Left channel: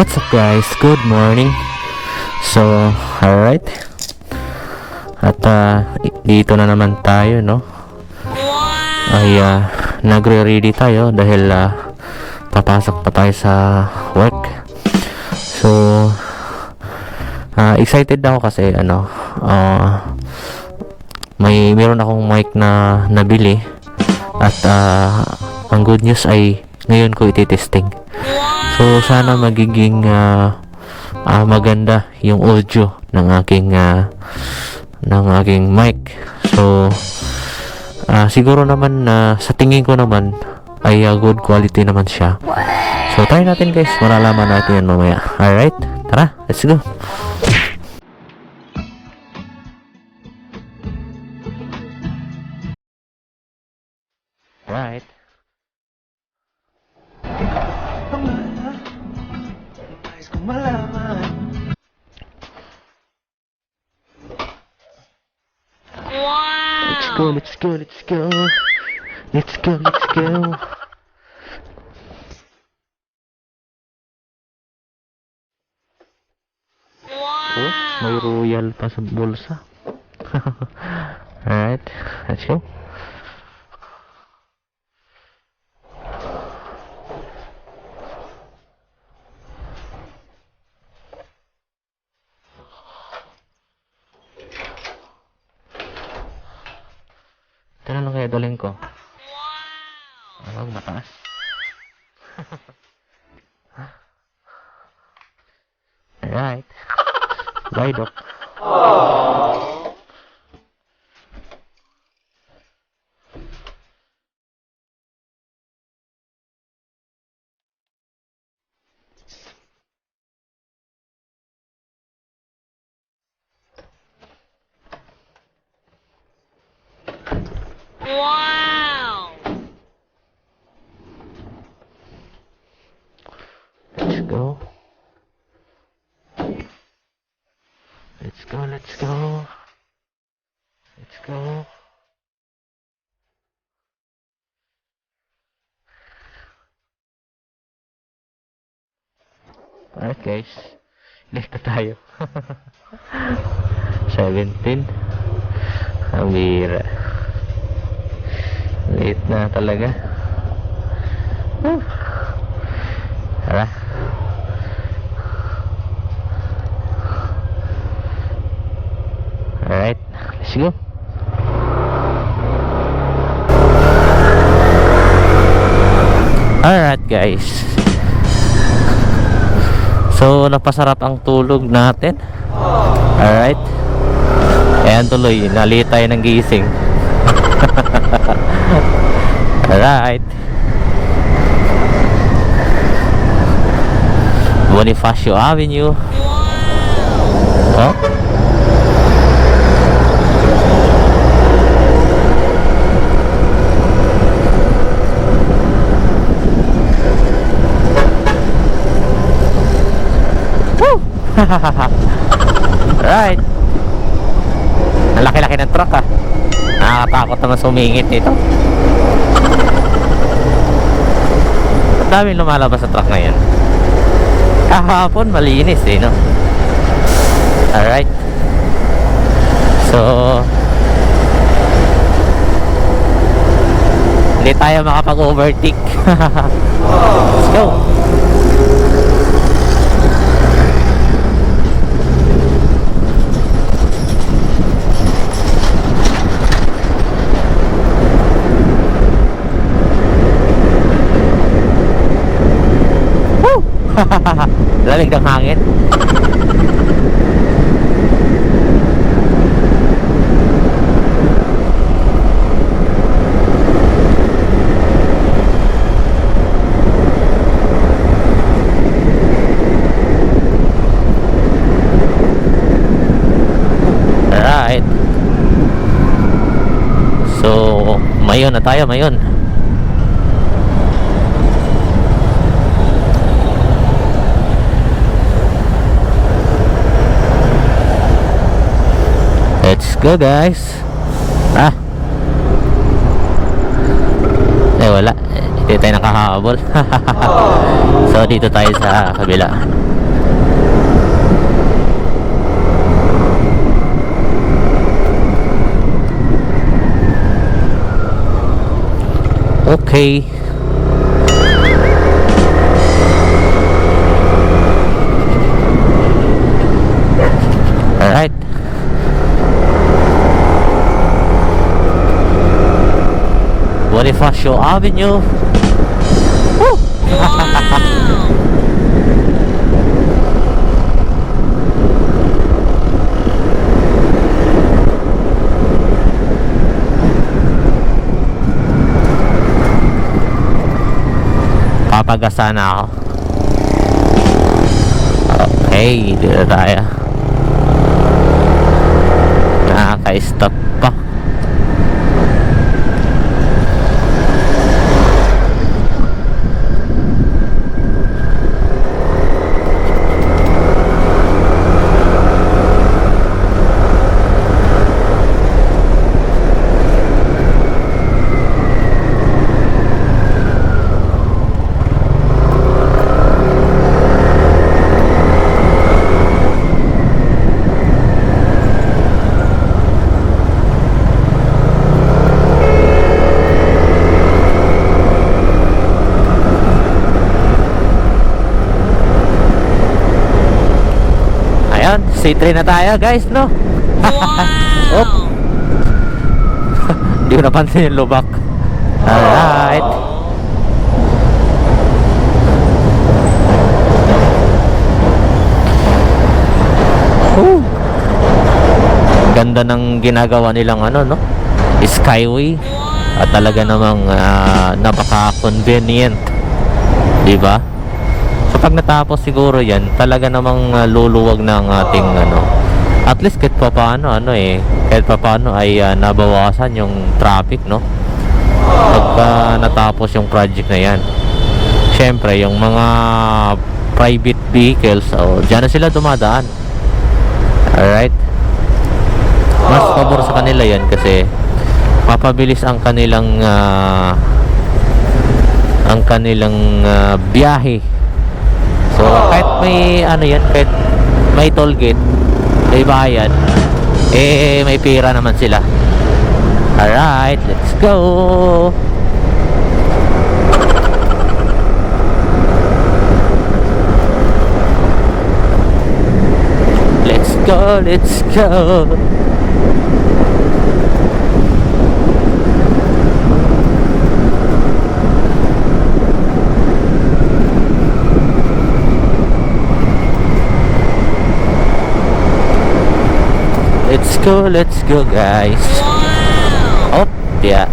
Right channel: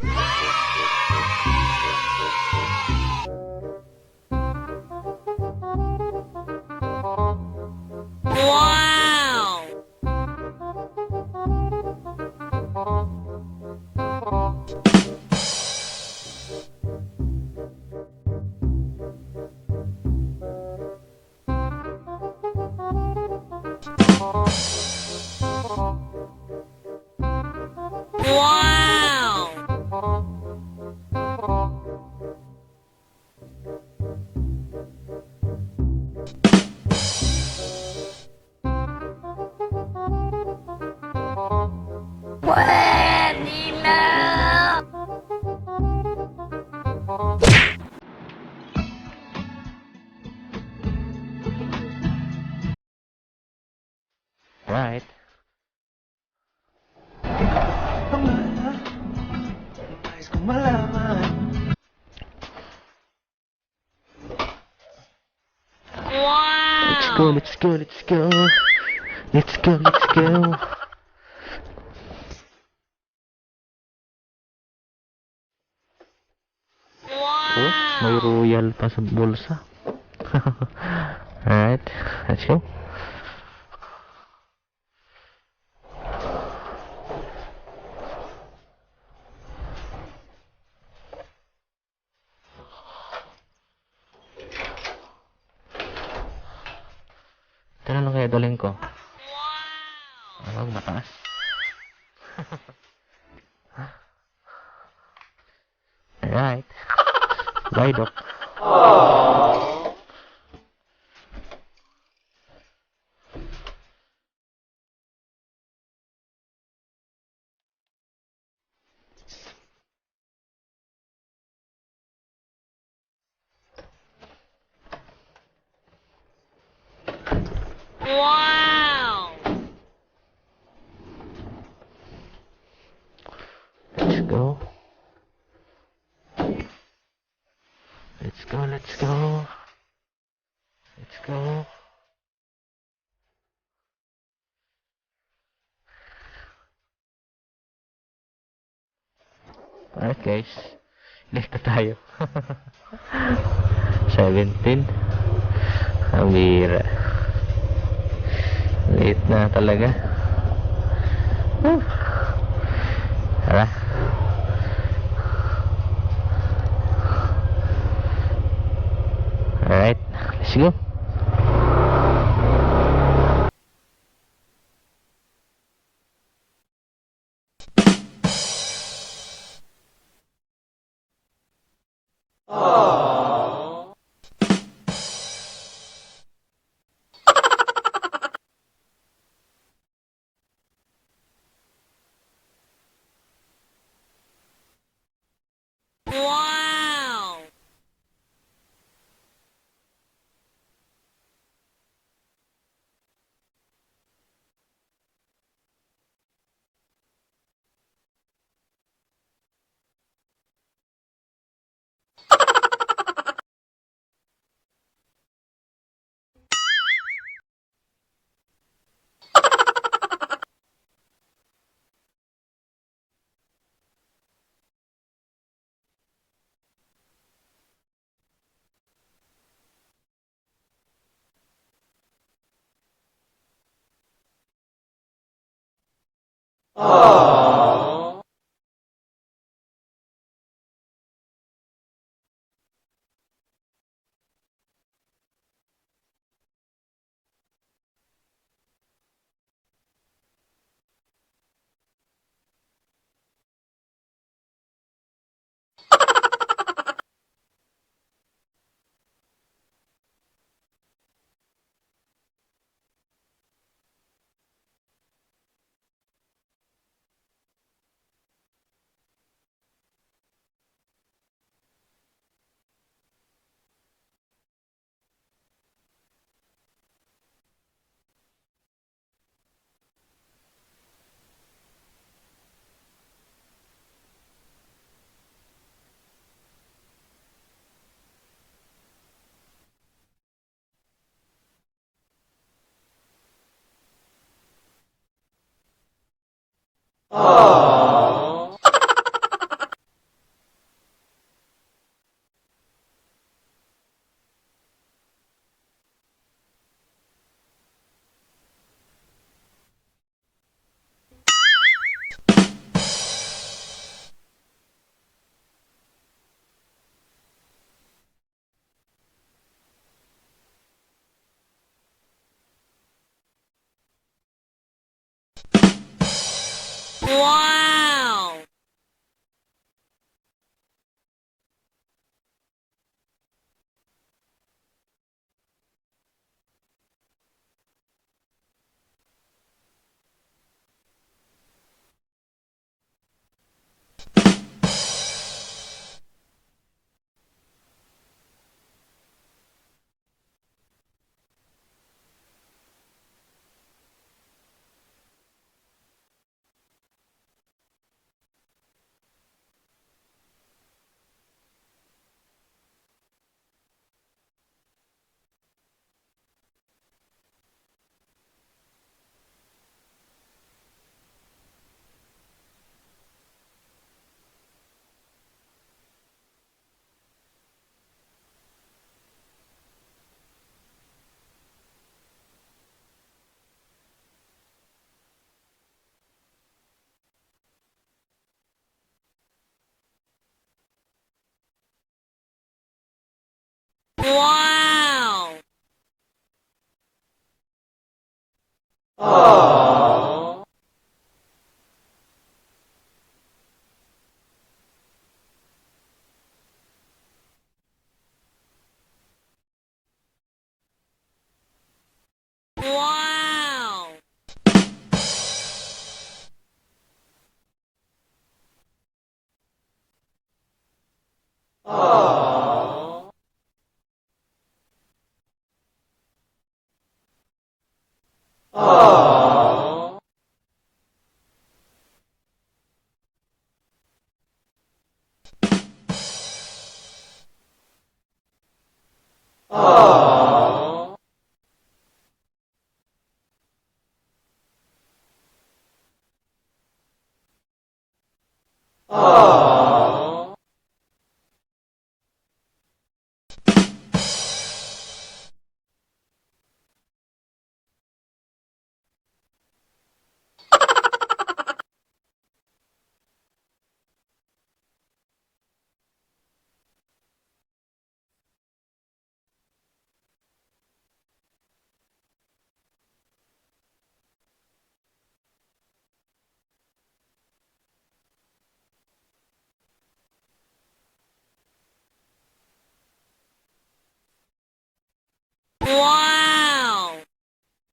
What's up guys? Good morning. So, alright. At dito na naman tayo, no? Ay nagre-ready tayo dahil papasok pa tayo sa work. So, excited ako kasi meron akong mic na nabili at ang good news ay ngayon ko ititesting. So sana magiging maganda yung audio ng aking mic. So siguro naman sa tingin ko naman ay good quality naman siya. So try natin guys, malalaman natin yun mamaya. Alright, tara, let's go. Right. Wow! Let's go. Oh, may royal pa sa bulsa. Alright, let's go. Ito na lang kaya dalhin ko. Mataas. Alright. Bye, Doc. Wow! Let's go. Alright guys, late na tayo. 17. Ang bira. Late na talaga. Tara. Alright, let's go. Alright guys, so napasarap ang tulog natin. Alright, ayan tuloy, nali tayo ng gising. Alright, Bonifacio Avenue. Wow! Oh, right. Ang laki-laki ng truck nakakatakot naman sumingit nito. Ang daming lumalabas sa truck ngayon. Kahapon malinis no. Alright, so hindi tayo makapag-overtake. Let's go. Lamig ng hangin. Alright, so mayon na tayo, mayon. Let's go guys. Wala. Hindi tayo nakahabol. So dito tayo sa kabila. Okay. Alright. Bonifacio Avenue. Woo! Wow! Papagasa na ako. Okay, dito tayo. Nakaka-stop pa. Ayun, C3 na tayo guys, no? Wow! Hindi ko napansin yung lubak. Alright. Whew. Ganda ng ginagawa nilang ano, no? Skyway. At talaga namang napaka-convenient. Diba? So pag natapos siguro yan, talaga namang luluwag ng ating at least kahit pa paano kahit pa paano ay nabawasan yung traffic, no? Pagka natapos yung project na yan. Syempre yung mga private vehicles, dyan na sila dumadaan. Alright. Mas pabor sa kanila yan kasi mapabilis ang kanilang biyahe. So kahit may kahit may toll gate, may bayad, may pira naman sila. Alright, let's go. Let's go, let's go. Let's go guys. Wow! Oh, yeah.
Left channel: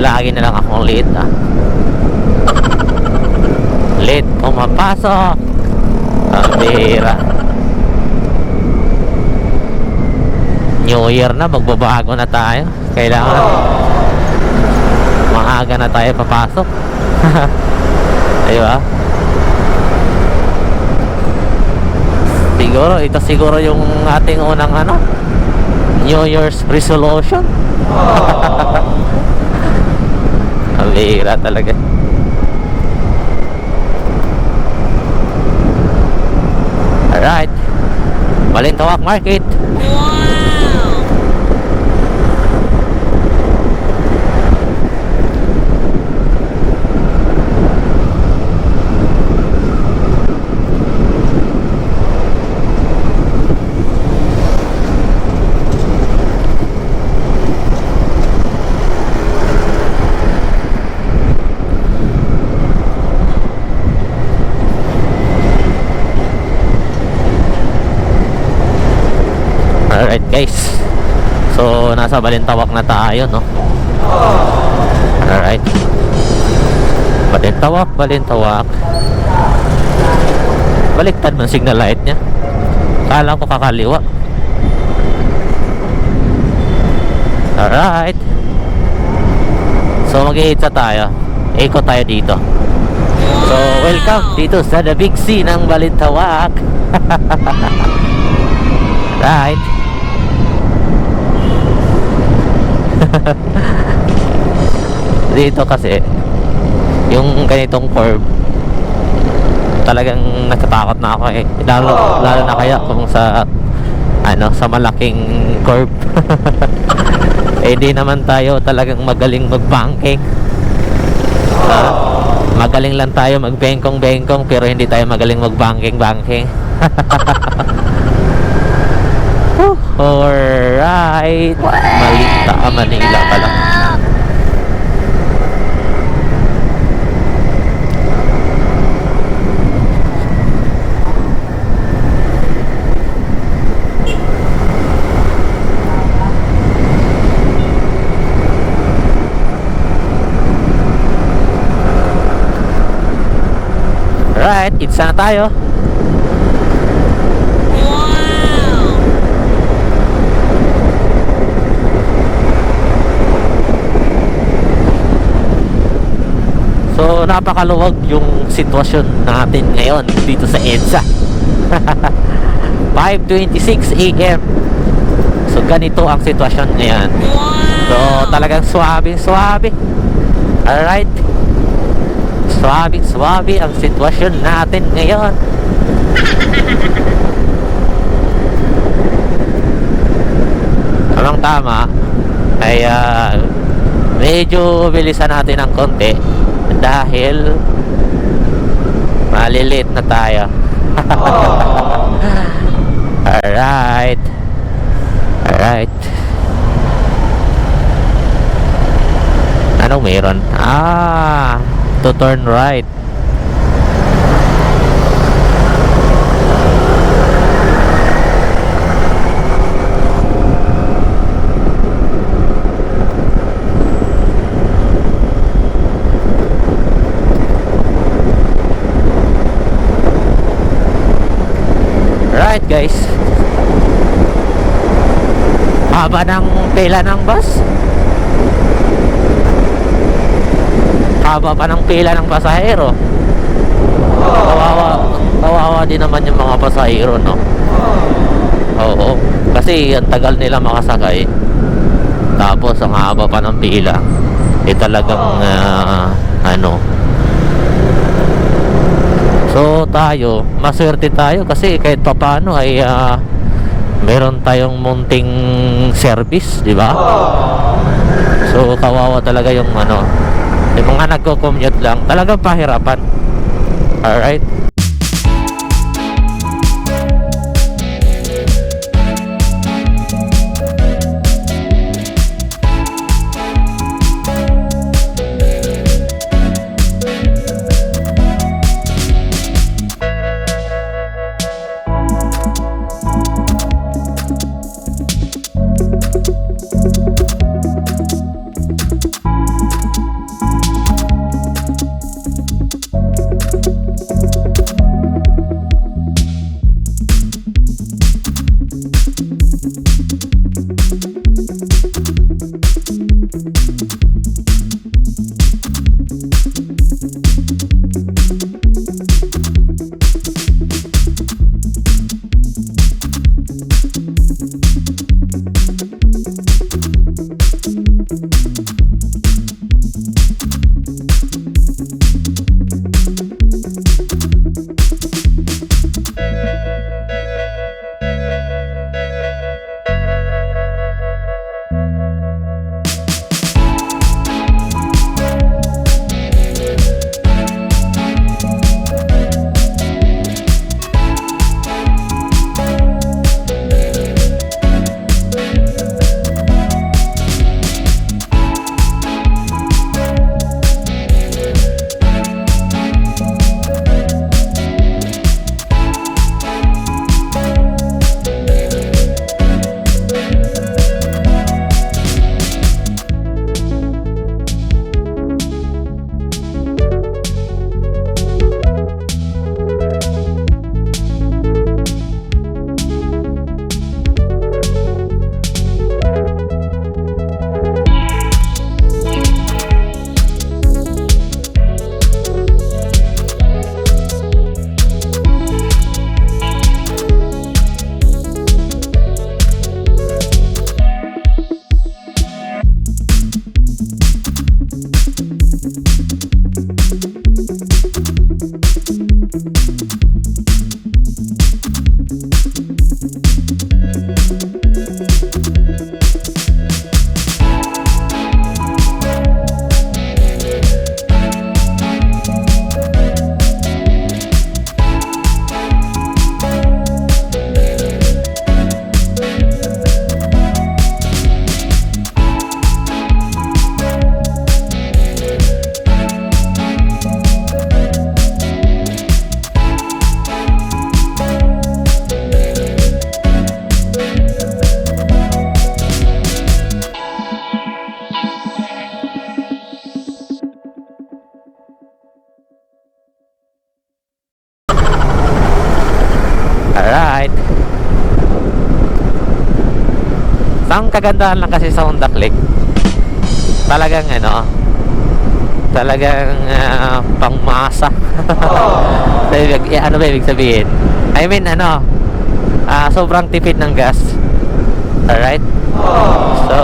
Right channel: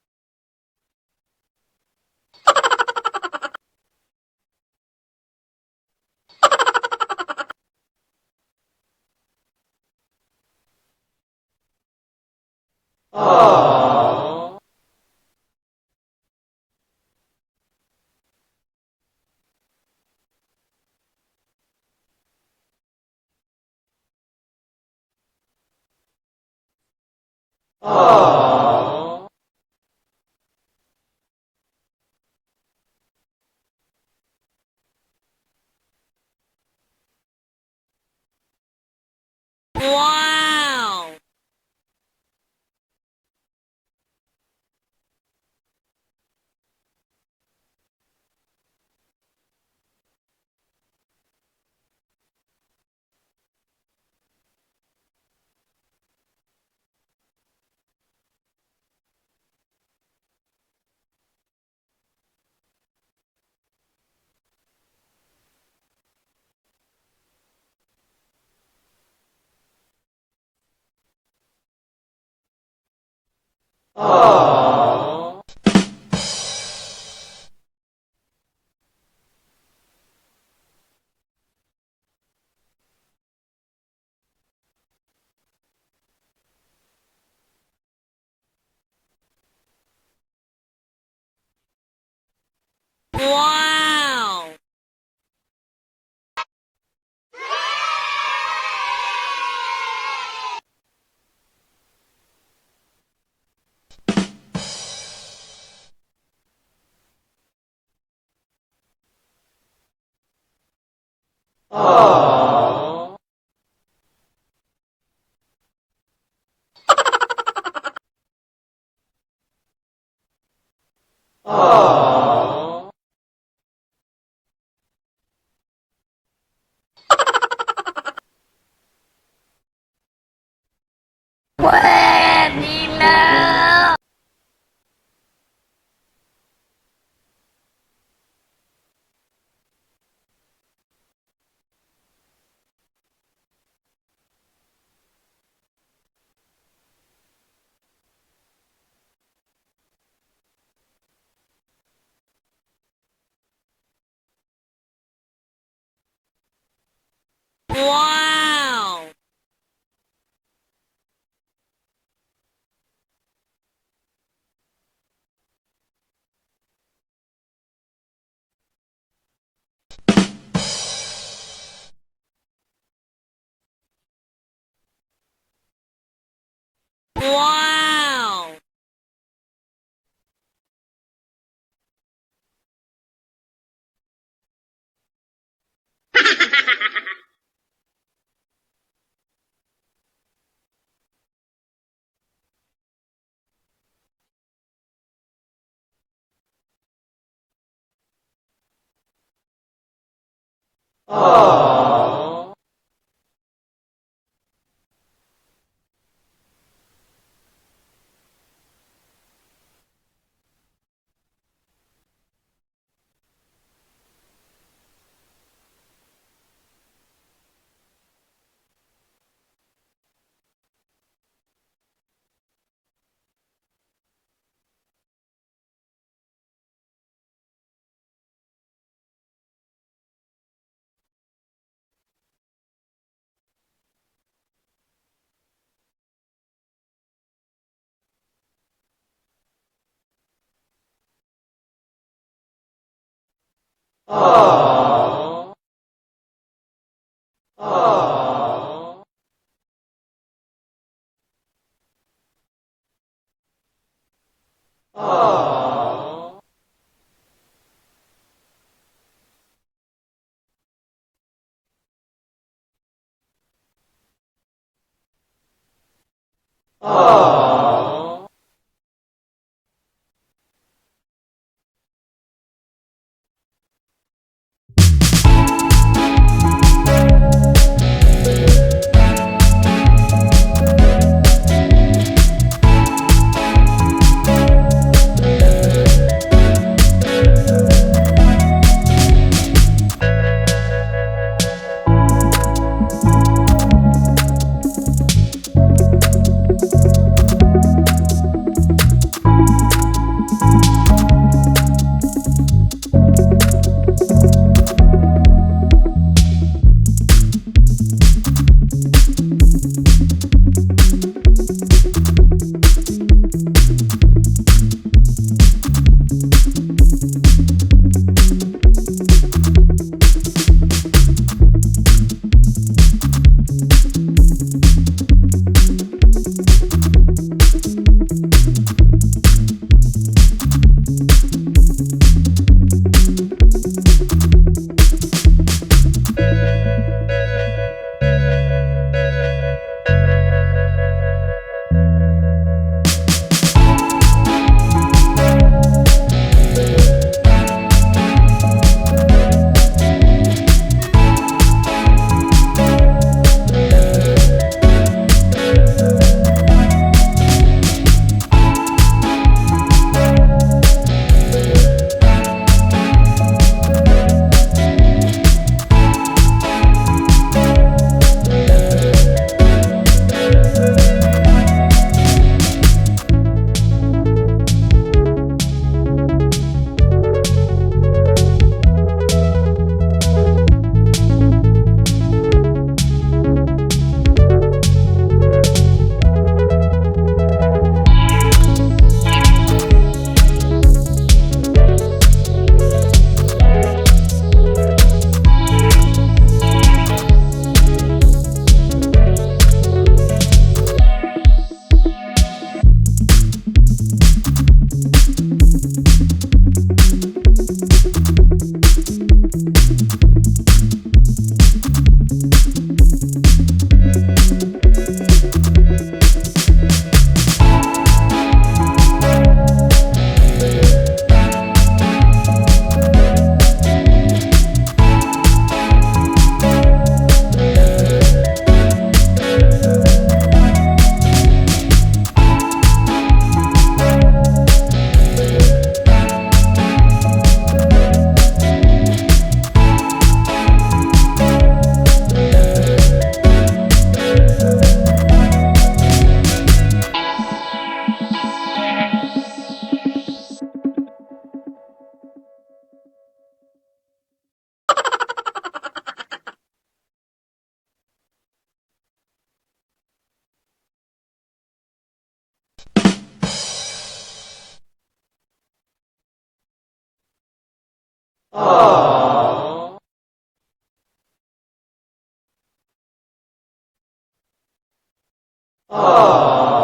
Lagi na lang akong late late pumapasok. Ang bihira. New Year na, magbabago na tayo. Kailangan maaga na tayo papasok. Diba? Siguro yung ating unang New Year's resolution. Ang bihira talaga. Alright, Balintawak Market. Wow! Alright guys, so nasa Balintawak na tayo, no? Alright, Balintawak. Baliktad man signal light nya. Kala ko kakaliwa. Alright, so mag-iitsa tayo. ikot tayo dito. So, welcome dito sa The Big C ng Balintawak. Right. Dito kasi yung ganitong curve, talagang natatakot na ako eh. Lalo na kaya kung sa sa malaking curve. Eh di naman tayo talagang magaling mag-banking. Magaling lang tayo mag-bengkong-bengkong, pero hindi tayo magaling mag-banking-banking. Alright. Manila pala. Alright, it's na tayo. Wow! So, napakaluwag yung sitwasyon natin ngayon dito sa EDSA. 5:26 AM. So, ganito ang sitwasyon ngayon. So, Wow! talagang suabe. Alright. Suabe ang sitwasyon natin ngayon. Tamang tama ay medyo bilisan natin ng konti dahil malilit na tayo. Alright. Anong meron? To turn right. Right guys, haba ng pila ng bus, haba pa ng pila ng pasahero. Kawawa din naman yung mga pasahero, no? Oo, kasi ang tagal nila makasakay, tapos ang haba pa ng pila. Talagang so tayo, maswerte tayo kasi kahit papano ay meron tayong munting service, di ba? So kawawa talaga yung yung mga nagko-commute lang, talagang pahirapan. Alright. Ang kagandahan lang kasi sa Honda Click, talagang pangmasa. Ano ba ibig sabihin? I mean sobrang tipid ng gas. Alright? So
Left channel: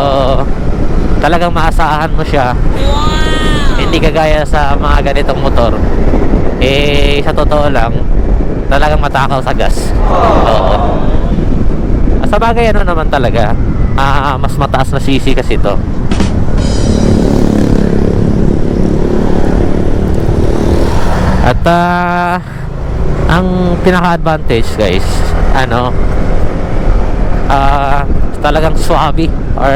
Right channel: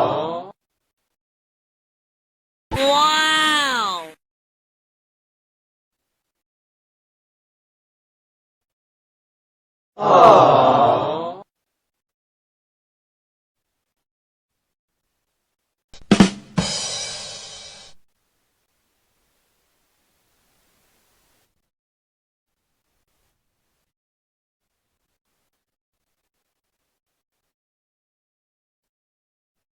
talagang maasahan mo siya. Wow! Hindi kagaya sa mga ganitong motor. Sa totoo lang, talagang matakaw sa gas. Sa bagay naman talaga, mas mataas na CC kasi ito. At ang pinaka-advantage guys, talagang swabe or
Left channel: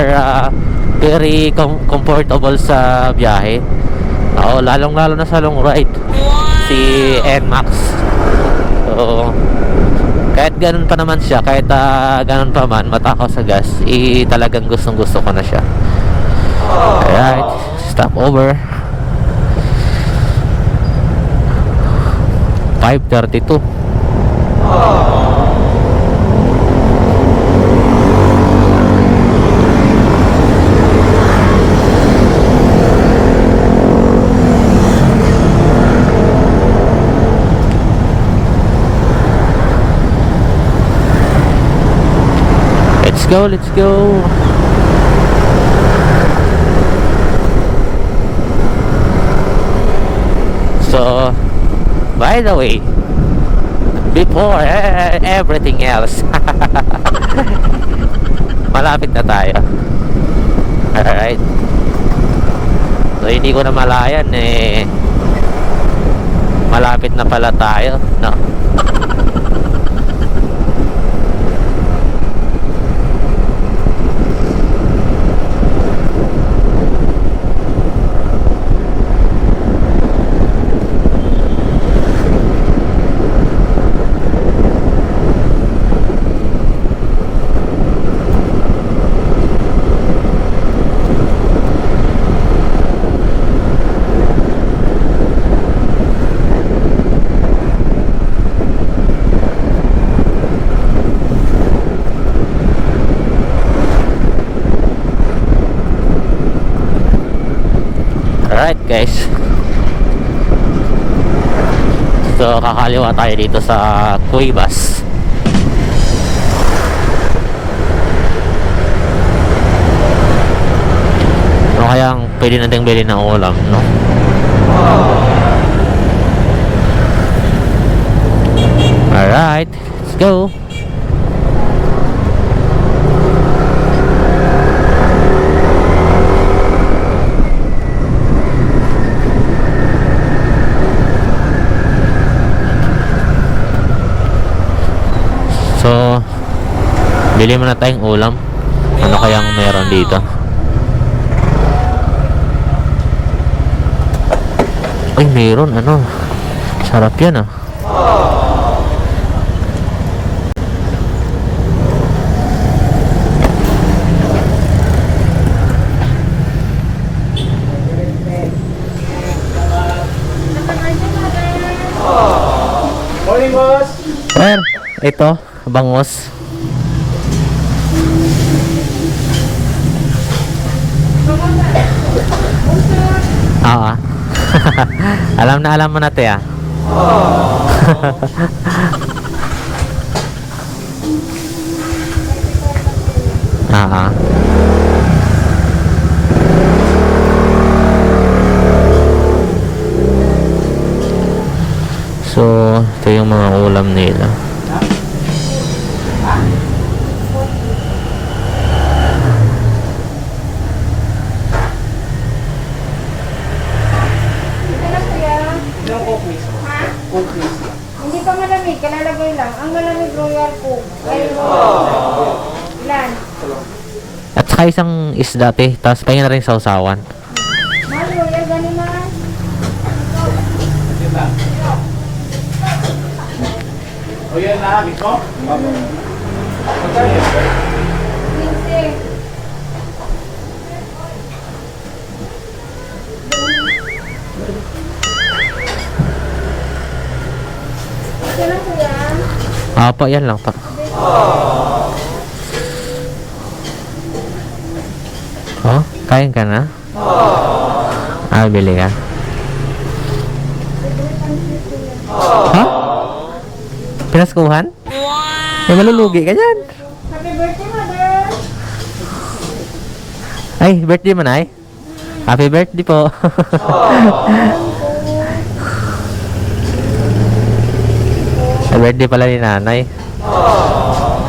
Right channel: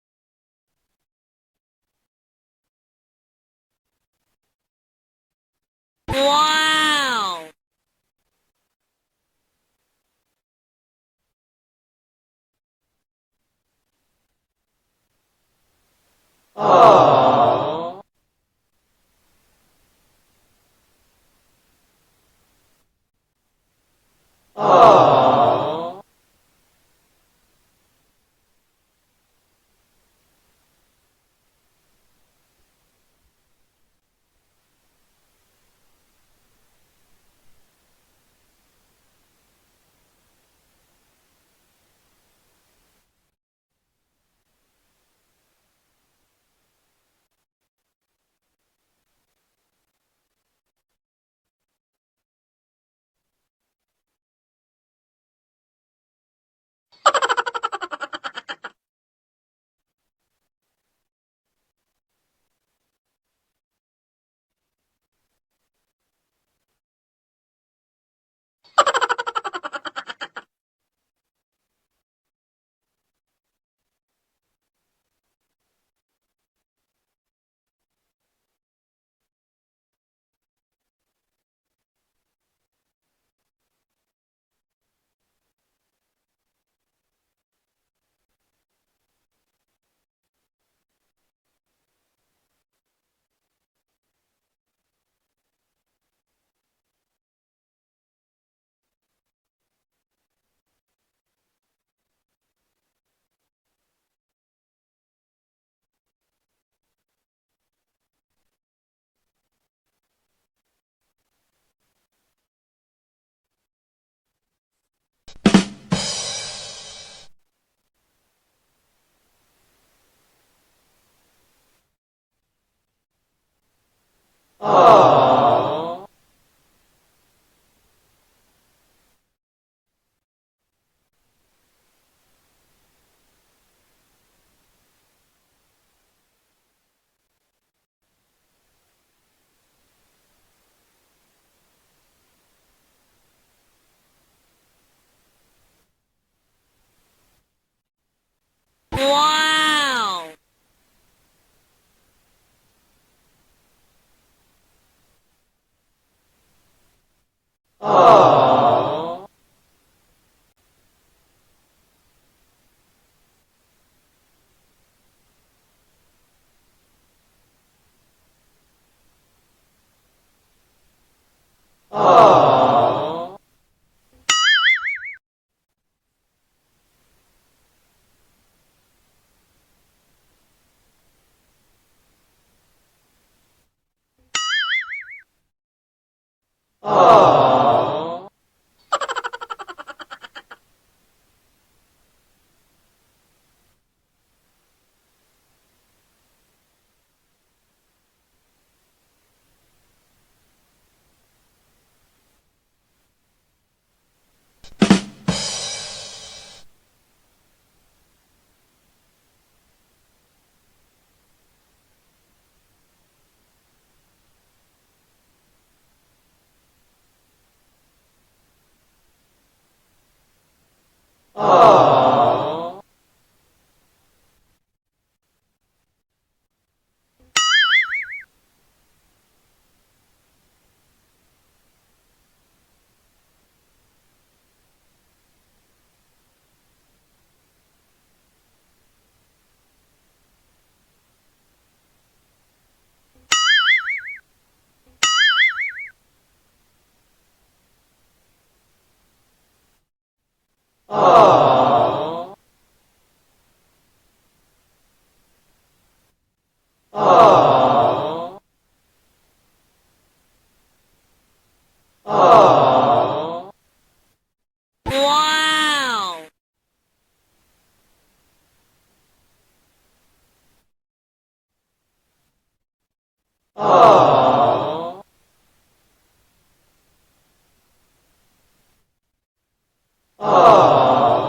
very comfortable sa biyahe. Lalong lalo na sa long ride. Wow! Si NMAX. So kahit ganun pa naman siya, kahit ganun pa man matakaw sa gas, talagang gustong gusto ko na siya. Alright, stop over. 5:32. Let's go. So, by the way, before everything else, malapit na tayo. Alright. So, hindi ko na malayan malapit na pala tayo, no? Alright guys, so kakaliwa tayo dito sa Cuevas. Ano kayang pwede nating bilhin ng ulam, no? Alright, let's go. So, bili muna tayong ulam. Ano kayang meron dito? Ay, meron sarap yan Morning, boss. Sir, ito, bangus. Alam mo na te So, ito yung mga ulam nila. Hindi pa malamig, kalalagay lang. Ang malamig Royal Coke. Ilan? At saka isang isda te, tapos pahinga na rin sa usawan. Mahal Royal, gano'n na. O yan na, mismo? Magkano yan? 15. Ito lang kuya. Pa, yan lang pa. Kain ka na? Bili ka? Pinaskuhan? May malulugi ka dyan. Happy birthday, mother! Ay, birthday mo na ay? Happy birthday po. Happy birthday pala ni nanay.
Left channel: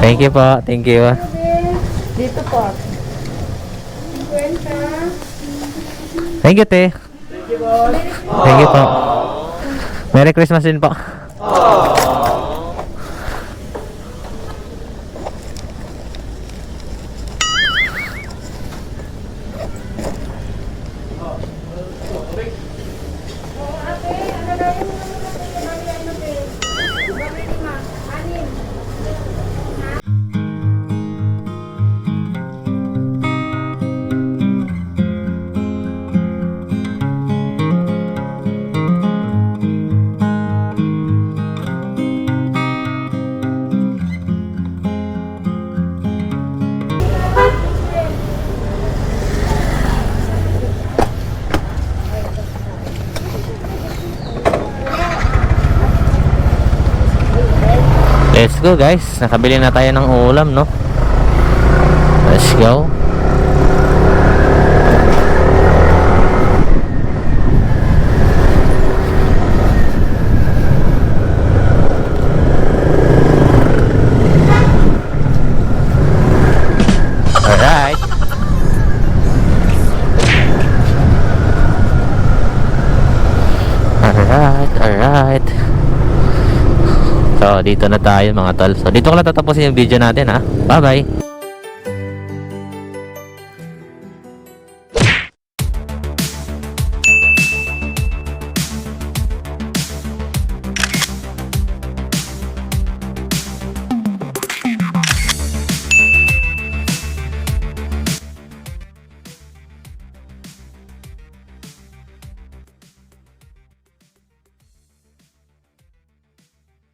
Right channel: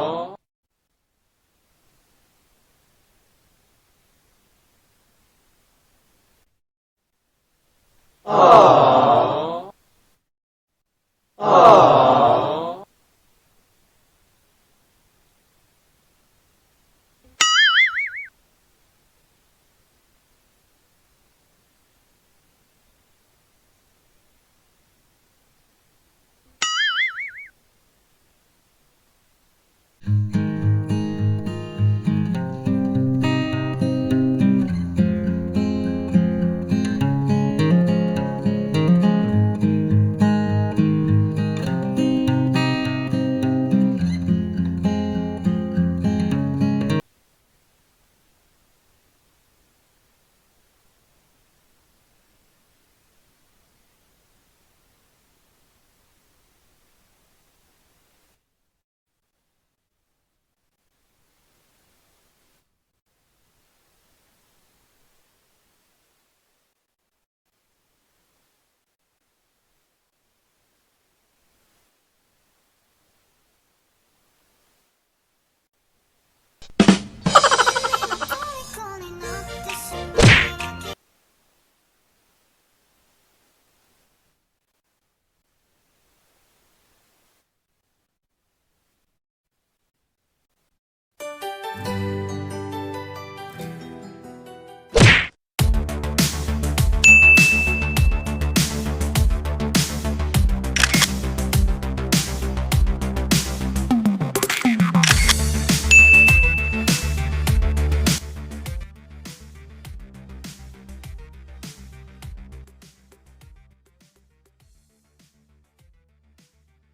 Thank you po. Thank you. Dito po. 50. Thank you, te. Thank you po. Merry Christmas din po. Let's go guys. Nakabili na tayo ng ulam, no? Let's go. Alright. Alright. So, dito na tayo mga tol. So, dito ko lang tatapusin yung video natin ha. Bye-bye.